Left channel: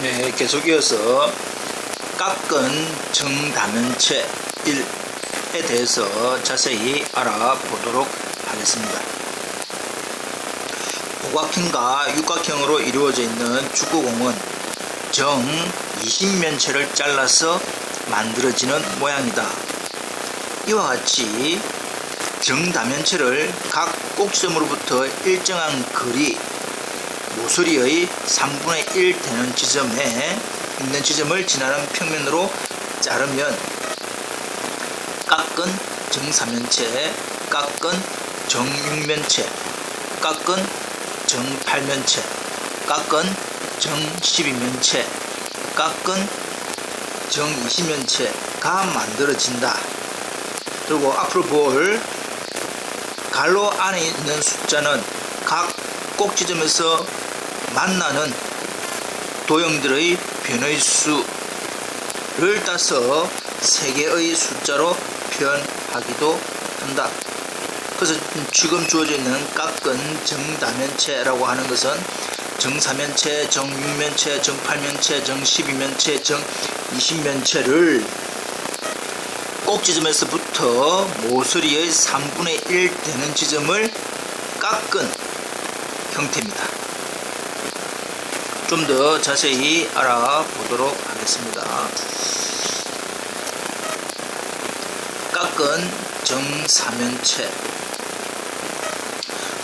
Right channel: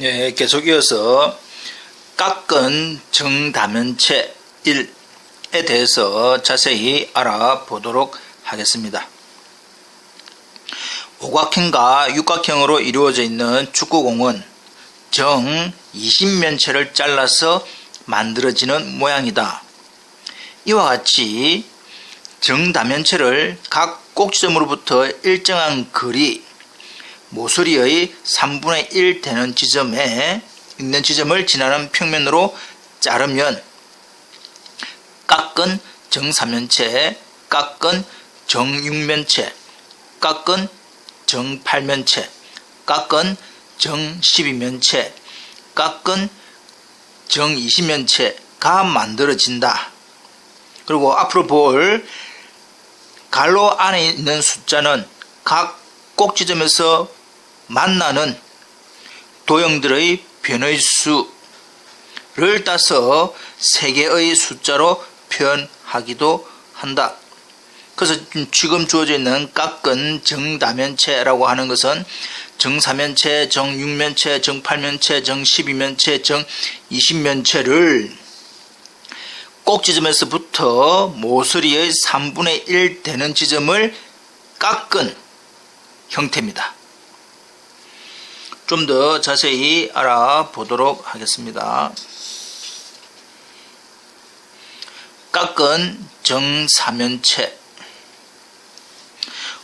네, 계속 이어서 깎은 정다면체 1에 대해서 자세히 알아보도록 하겠습니다. 오각형과 육각형으로 이루어져 있는 축구공은 정 20면체를 잘라서 만들어지는 모양이다. 이와 같이 정다면체를 각 꼭지점으로부터 일정한 거리, 모서리의 3분의 1 되는 지점에 있는 지점을 지나는 평면으로 자르면 깎은 정4면체, 깎은 정6면체, 깎은 정8면체, 깎은 정12면체, 깎은 정20면체가 만들어진다. 그리고 앞으로 볼 갈로 안에 있는 숫자는 각 꼭지점에서 만나는 도형들의 변의 수를 따서 3개의 숫자로 표현하기도 한다. 그래서 지금 주어져 있는 깎은 정다면체라고 하는 것은 정4면체, 정6면체, 정8면체, 정12면체, 정20면체를 꼭지점에서부터 모서리의 3분의 1 되는 지점을 깎은 형태입니다. 좀 더 자세히 알아보도록 하겠습니다. 깎은 정4면체,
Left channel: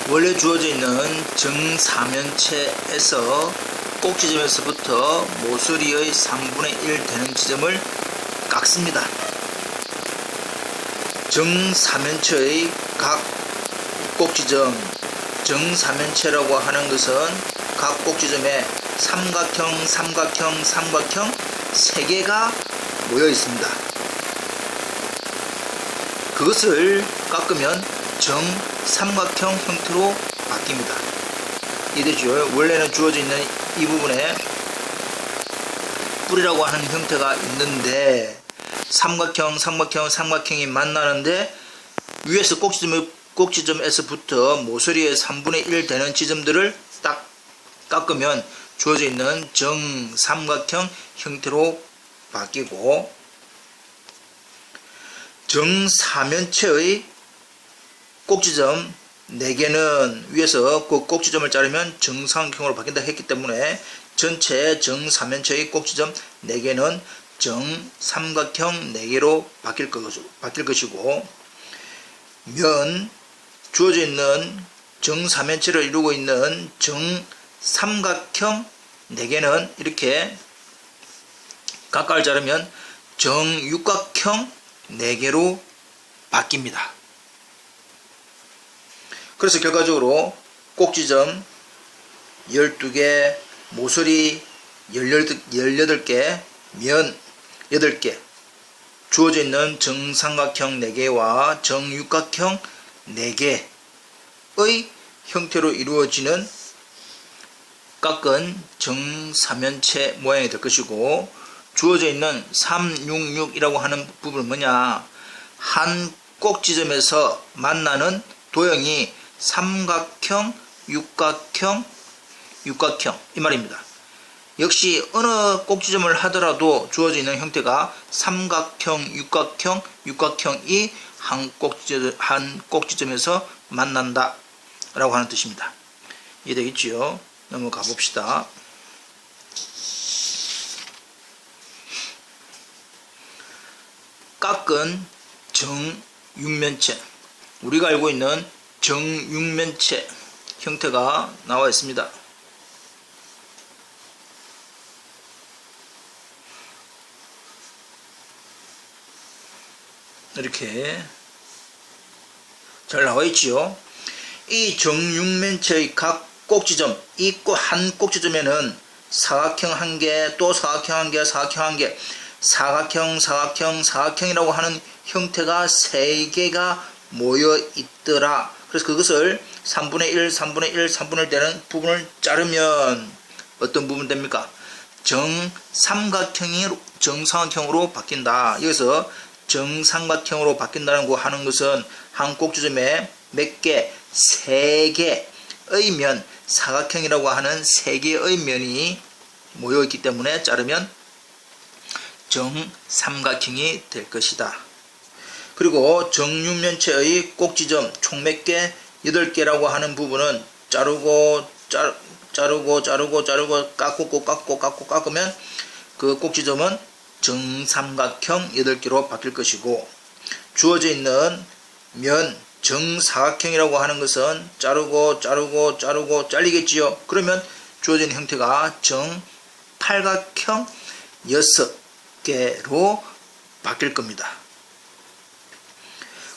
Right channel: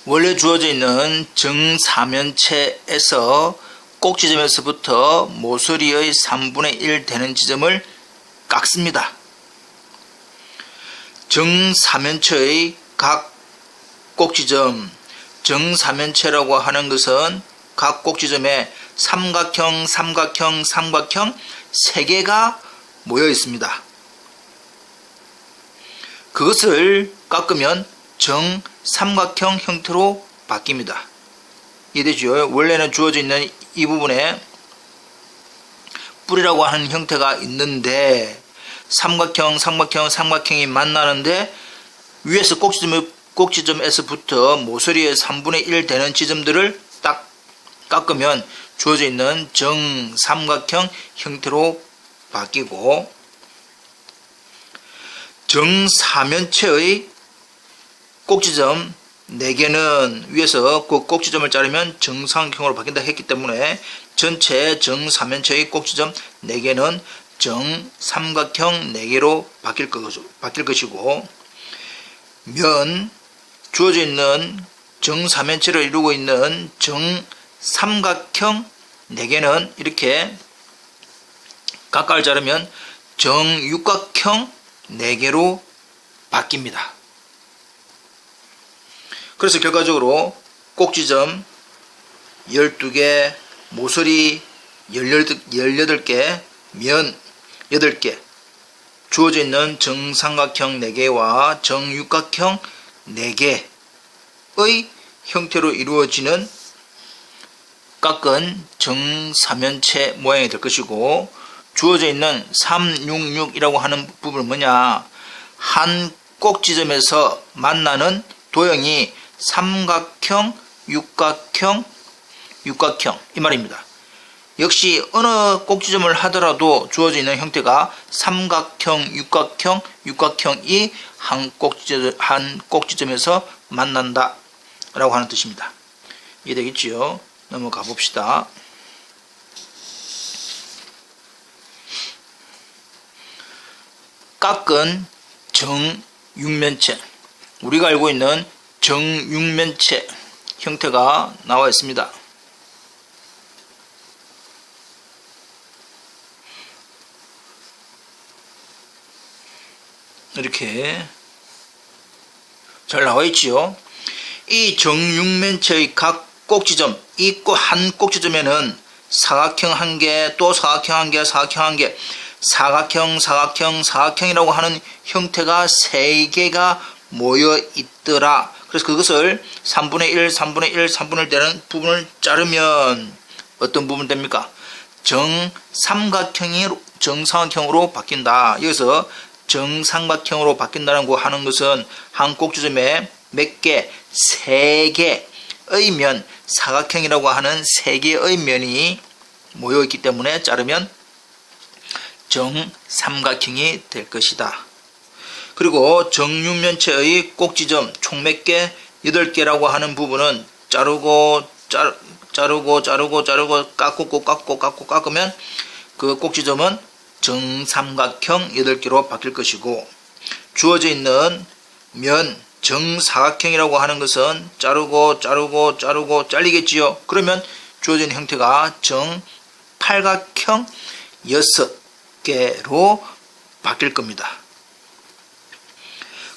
원래 주어져 있는 정4면체에서 꼭지점에서부터 모서리의 3분의 1 되는 지점을 깎습니다. 정4면체의 각 꼭지점, 정4면체라고 하는 것은 각 꼭지점에 삼각형, 삼각형, 삼각형 3개가 모여 있습니다. 그것을 깎으면 정삼각형 형태로 바뀝니다. 이해되죠? 원래는 주어져 있는 이 부분에 뿌리라고 하는 형태가 있는데 삼각형, 삼각형, 삼각형이 만나는데 위에서 꼭지점에서부터 모서리의 3분의 1 되는 지점들을 딱 깎으면 주어져 있는 정삼각형 형태로 바뀌고, 정4면체의 꼭지점 4개는 위에서 그 꼭지점을 자르면 정삼각형으로 바뀐다 했기 때문에 전체 정4면체의 꼭지점 4개는 정삼각형 4개로 바뀔 것이고, 면 주어져 있는 정4면체를 이루고 있는 정삼각형 4개는 이렇게 각각을 자르면 정육각형 4개로 바뀝니다. 그래서 결과적으로 꼭지점 12개, 모서리 18개, 면 8개, 주어져 있는 정삼각형 4개와 정육각형 4개의 형태로 이루어지는 깎은 정4면체 모양이 될 것이고, 주어져 있는 366이라고 하는 부분은 뭐냐? 한 꼭지점에서 만나는 도형이 삼각형, 육각형, 육각형 이 말입니다. 역시 어느 꼭지점을 하더라도 주어져 있는 형태가 삼각형, 육각형, 육각형이 한 꼭지점에서 만난다 라고 하는 뜻입니다. 이해되겠지요? 넘어가 봅시다. 깎은 정6면체, 우리가 알고 있는 정6면체 형태가 나와 있습니다. 이렇게 잘 나와 있지요. 이 정6면체의 각 꼭지점, 이 한 꼭지점에는 사각형 1개, 또 사각형 1개, 사각형 1개, 사각형, 사각형, 사각형이라고 하는 형태가 3개가 모여 있더라. 그래서 그것을 3분의 1, 3분의 1, 3분의 1 되는 부분을 자르면 어떤 부분 됩니까? 정삼각형으로 바뀐다. 여기서 정삼각형으로 바뀐다는 거 하는 것은 한 꼭지점에 몇 개? 3개의 면, 사각형이라고 하는 3개의 면이 모여있기 때문에 자르면 정삼각형이 될 것이다. 그리고 정육면체의 꼭지점 총 몇 개? 8개라고 하는 부분은 자르고 깎으면 그 꼭지점은 정삼각형 8개로 바뀔 것이고, 주어져 있는 면 정사각형이라고 하는 것은 자르고 잘리겠지요. 그러면 주어진 형태가 정팔각형 6개로 바뀔 겁니다.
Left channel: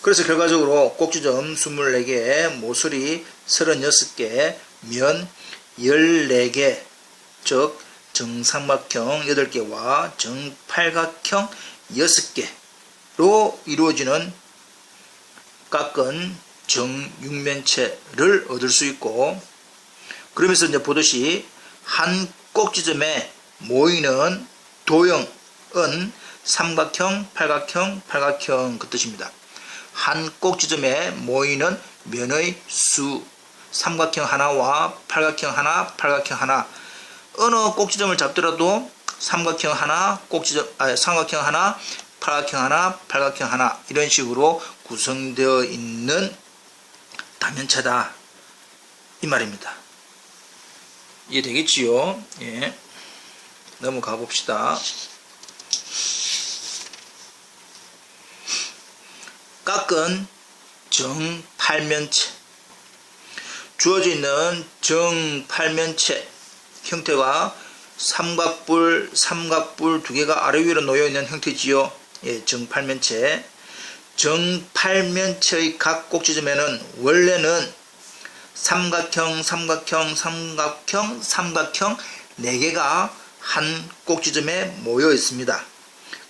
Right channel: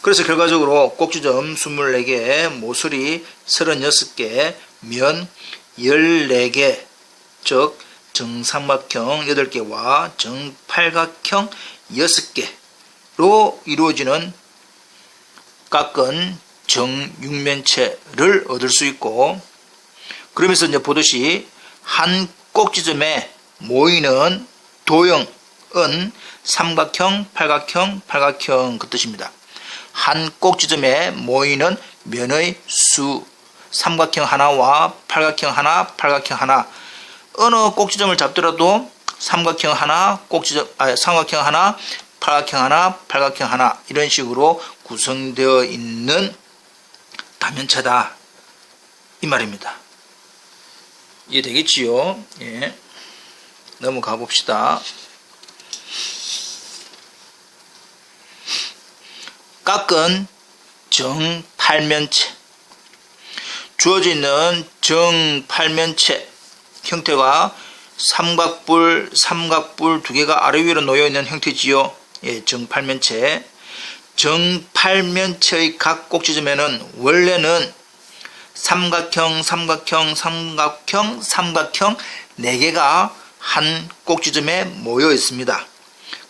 그래서 결과적으로 꼭지점 24개, 모서리 36개, 면 14개, 즉 정삼각형 8개와 정팔각형 6개로 이루어지는 깎은 정육면체를 얻을 수 있고, 그러면서 이제 보듯이 한 꼭지점에 모이는 도형은 삼각형, 팔각형 그 뜻입니다. 한 꼭지점에 모이는 면의 수, 삼각형 하나와 팔각형 하나, 어느 꼭지점을 잡더라도 삼각형 하나, 삼각형 하나, 팔각형 하나 이런 식으로 구성되어 있는 다면체다 이 말입니다. 이해되겠지요? 예. 넘어가 봅시다. 깎은 정팔면체. 주어져 있는 정팔면체 형태가 삼각뿔 두 개가 아래 위로 놓여 있는 형태지요. 예, 정팔면체. 정팔면체의 각 꼭지점에는 원래는 삼각형 4개가 한 꼭지점에 모여 있습니다.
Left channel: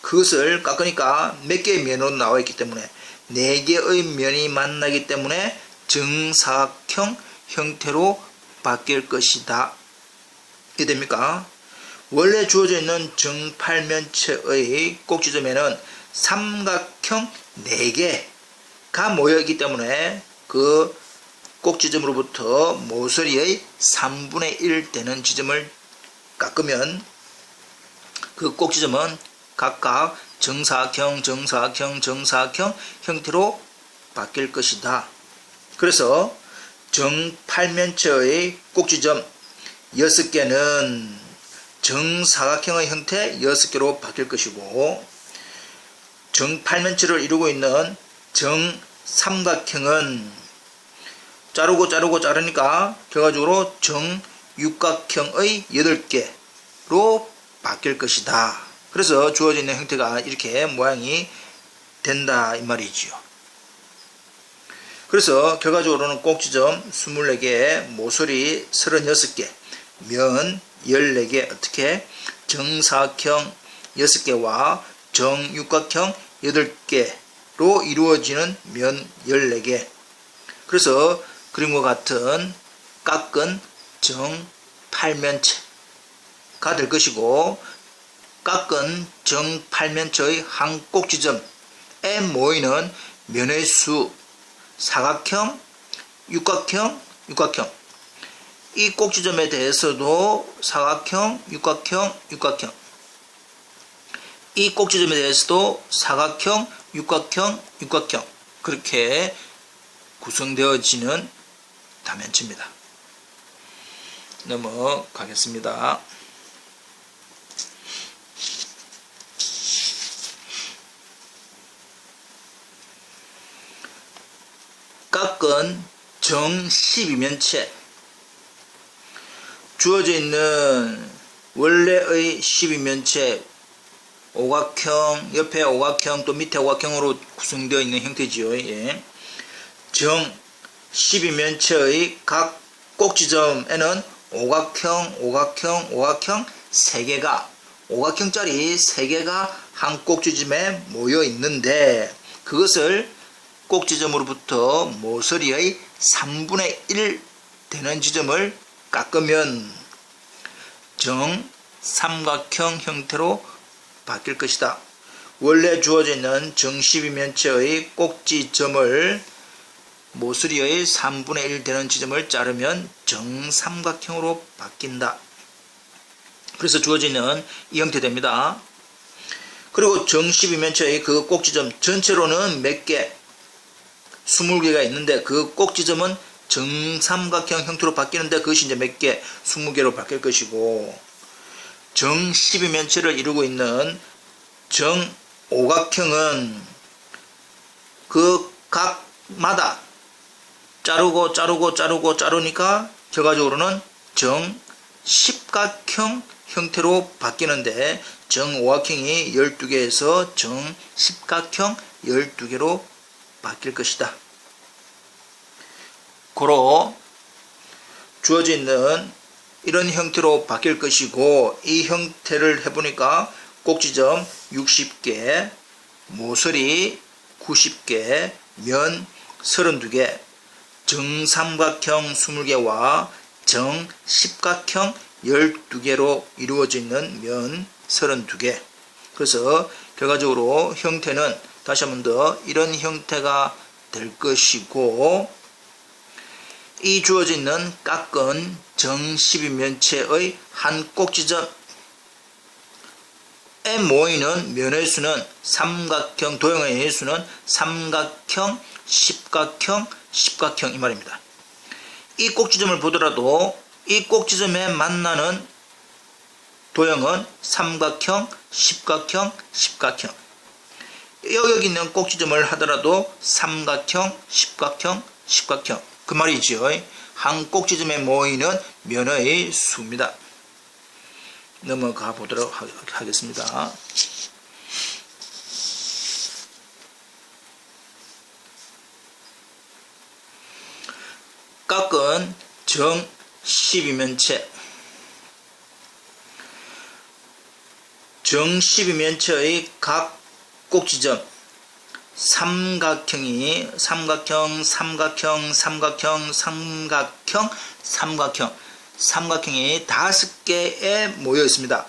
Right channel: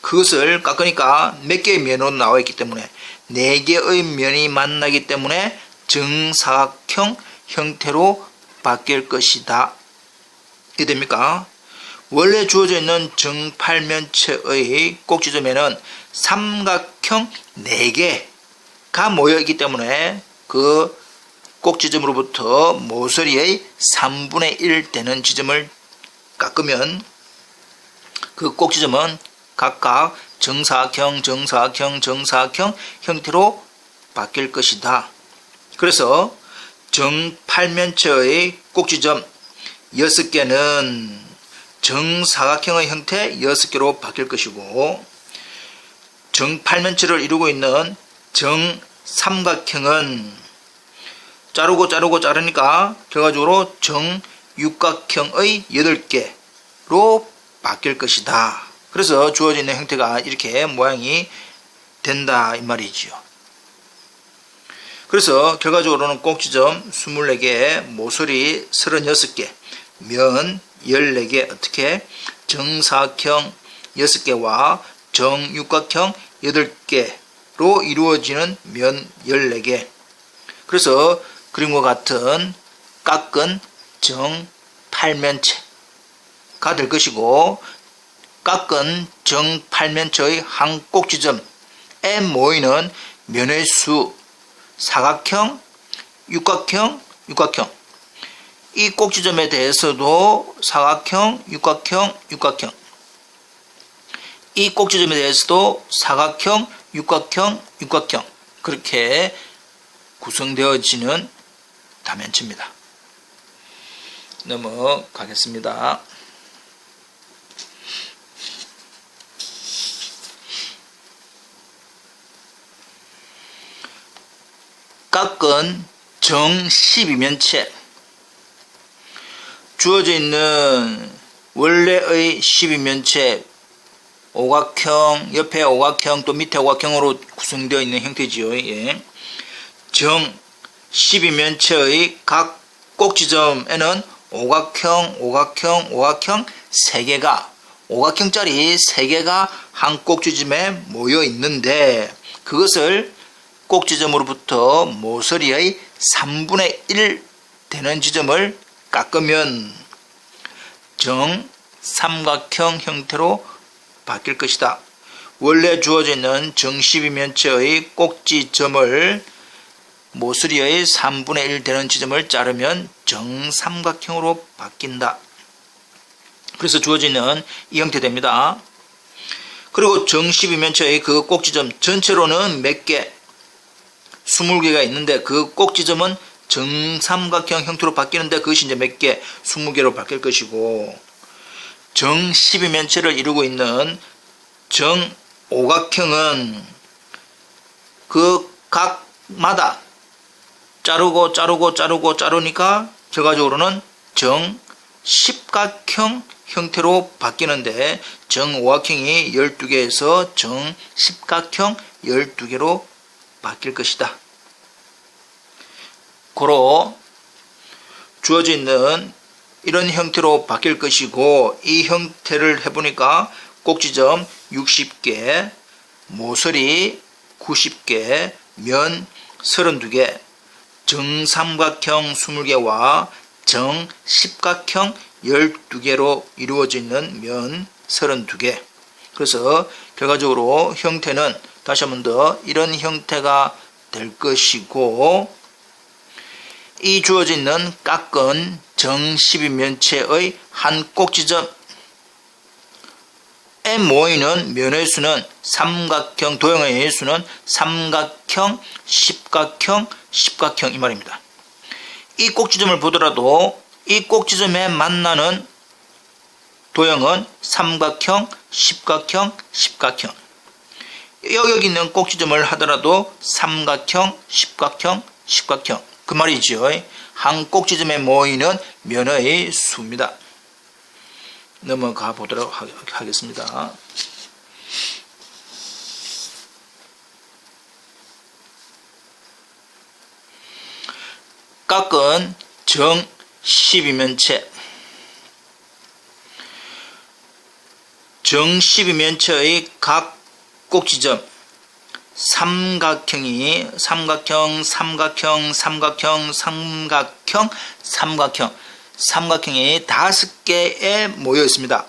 그것을 깎으니까 몇 개의 면으로 나와 있기 때문에 4개의 면이 만나기 때문에 정사각형 형태로 바뀔 것이다. 이해됩니까? 원래 주어져 있는 정팔면체의 꼭지점에는 삼각형 4개가 모여있기 때문에 그 꼭지점으로부터 모서리의 3분의 1 되는 지점을 깎으면 그 꼭지점은 각각 정사각형 형태로 바뀔 것이다. 그래서 정팔면체의 꼭지점 6개는 정사각형의 형태 6개로 바뀔 것이고, 정팔면체를 이루고 있는 정삼각형은 자르니까 결과적으로 정육각형의 8개로 바뀔 것이다. 그래서 주어져 있는 형태가 이렇게 모양이 된다 이 말이지요. 그래서 결과적으로는 꼭지점 24개, 모서리 36개, 면 14개, 어떻게 정사각형 6개와 정육각형 8개로 이루어지는 면 14개. 그래서 그림과 같은 깎은 정팔면체가 될 것이고, 깎은 정팔면체의 한 꼭지점에 모이는 면의 수, 사각형, 육각형, 이 꼭지점에 대해서도 사각형, 육각형, 이 꼭지점에 대해서도 사각형, 육각형, 그렇게 구성되어지는 다면체입니다. 넘어가겠습니다. 깎은 정12면체. 주어져 있는 원래의 12면체, 오각형, 옆에 오각형, 또 밑에 오각형으로 구성되어 있는 형태지요. 예. 정 12면체의 각 꼭지점에는 오각형 3개가, 오각형짜리 3개가 한 꼭지점에 모여 있는데, 그것을 꼭지점으로부터 모서리의 3분의 1 되는 지점을 깎으면 정삼각형 형태로 바뀔 것이다. 원래 주어져 있는 정12면체의 꼭지점을 모서리의 3분의 1 되는 지점을 자르면 정삼각형으로 바뀐다. 그래서 주어지는 이 형태 됩니다. 그리고 정 12면체의 그 꼭지점 전체로는 몇 개? 20개가 있는데 그 꼭지점은 정삼각형 형태로 바뀌는데 그것이 이제 몇 개? 20개로 바뀔 것이고, 정 12면체를 이루고 있는 정오각형은 그 각마다 자르니까 결과적으로는 정십각형 형태로 바뀌는데 정오각형이 12개에서 정십각형 12개로 바뀔 것이다. 고로 주어져 있는 이런 형태로 바뀔 것이고, 이 형태를 해보니까 꼭지점 60개, 모서리 90개, 면 32개, 정삼각형 20개와 정십각형 12개로 이루어져 있는 면 32개. 그래서 결과적으로 형태는 다시 한 번 더 이런 형태가 될 것이고, 이 주어져 있는 깎은 정 12면체의 한 꼭지점에 모이는 면의 수는 삼각형, 도형의 수는 삼각형, 십각형, 십각형 이 말입니다. 이 꼭지점을 보더라도 이 꼭지점에 만나는 도형은 삼각형, 십각형, 십각형. 여기 있는 꼭지점을 하더라도 삼각형, 십각형, 십각형. 그 말이죠. 한 꼭지점에 모이는 면의 수입니다. 넘어가 보도록 하겠습니다. 깎은 정 12면체. 정 12면체의 각 꼭지점 삼각형이 삼각형이 5개에 모여 있습니다.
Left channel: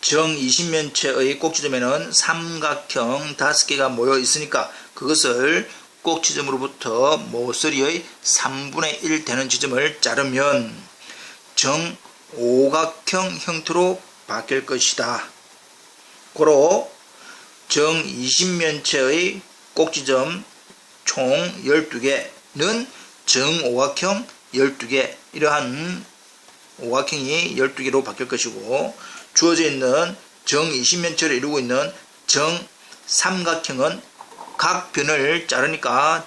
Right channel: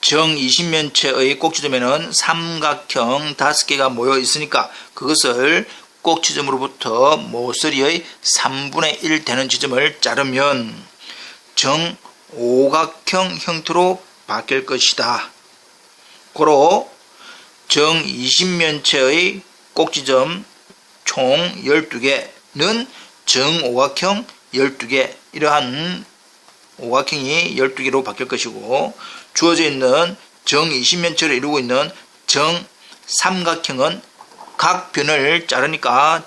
정 20면체의 꼭지점에는 삼각형 5개가 모여 있으니까 그것을 꼭지점으로부터 모서리의 3분의 1 되는 지점을 자르면 정오각형 형태로 바뀔 것이다. 고로 정 20면체의 꼭지점 총 12개는 정오각형 12개, 이러한 오각형이 12개로 바뀔 것이고, 주어져 있는 정 20면체를 이루고 있는 정삼각형은 각 변을 자르니까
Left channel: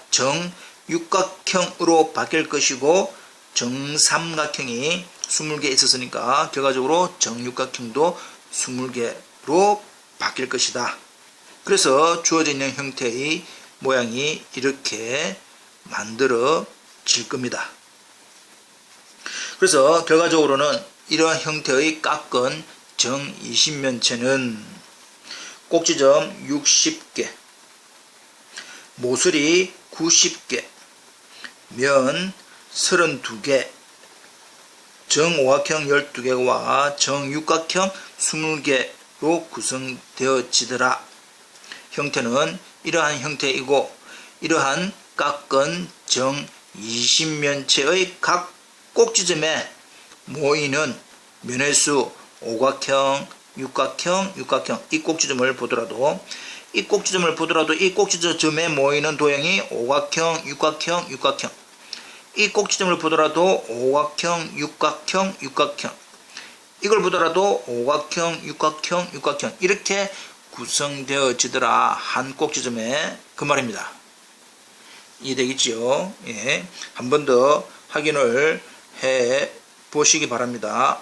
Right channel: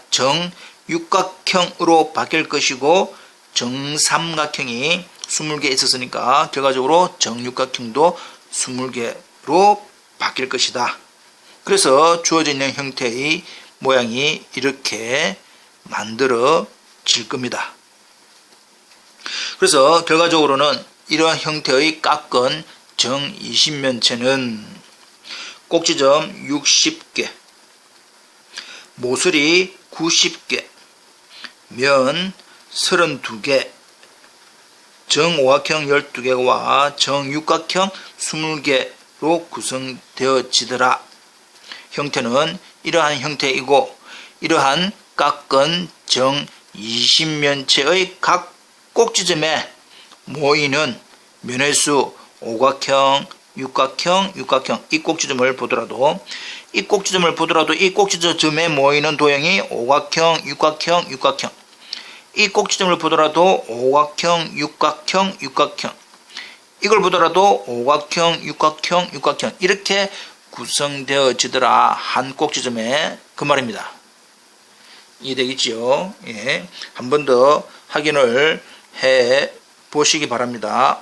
정육각형으로 바뀔 것이고, 정삼각형이 20개 있었으니까 결과적으로 정육각형도 20개로 바뀔 것이다. 그래서 주어져 있는 형태의 모양이 이렇게 만들어질 겁니다. 그래서 결과적으로는 이러한 형태의 깎은 정 20면체는 꼭지점 60개, 모서리 90개, 면 32개, 정오각형 12개와 정육각형 20개로 구성되어지더라. 형태는 이러한 형태이고, 이러한 깎은 정 20면체의 각 꼭지점에 모이는 면의 수 오각형, 육각형, 이 꼭지점을 보더라도 이 꼭지점에 모이는 도형이 오각형, 육각형, 이 꼭지점을 보더라도 오각형, 육각형, 이걸 보더라도 오각형, 육각형, 이렇게 구성되어지더라. 한 꼭지점에, 그 말입니다. 이해되겠지요? 예. 한 번 더 확인을 해 보시기 바랍니다.